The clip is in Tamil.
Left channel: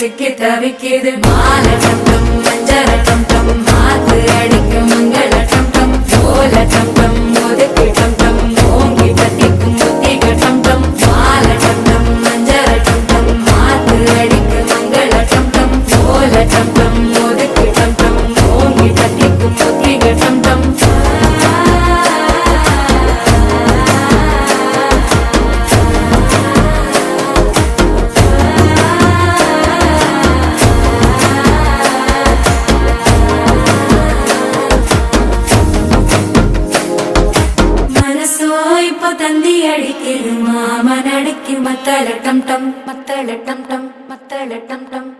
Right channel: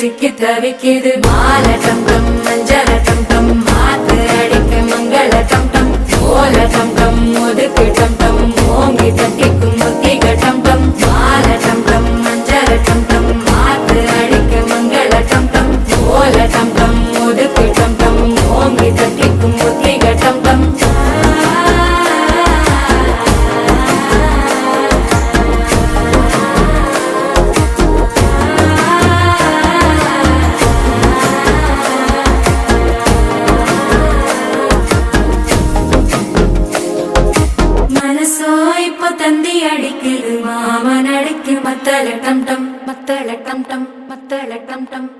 சிக்கி தவிக்குது மாலை டம் டம் மஞ்சள டம் டம் மாத்து அடிக்க மங்கள டம் டம் ஓல டம் டம் ஒதுக்கு டம் டம் ஓங்கி பத்திக்கும் புத்திக டம் டம் மாலை டம் டம் மஞ்சள டம் டம் மாத்து அடிக்க மங்கள டம் டம் ஓல டம் டம் ஒதுக்கு டம் டம் ஓங்கி பத்திக்கும் புத்திக டம் டம் தந்தி அடிக்குது மாமன் அடிக்கு மத்தள டம் டம் மத்தள டம் டம் மத்தள டம் டம்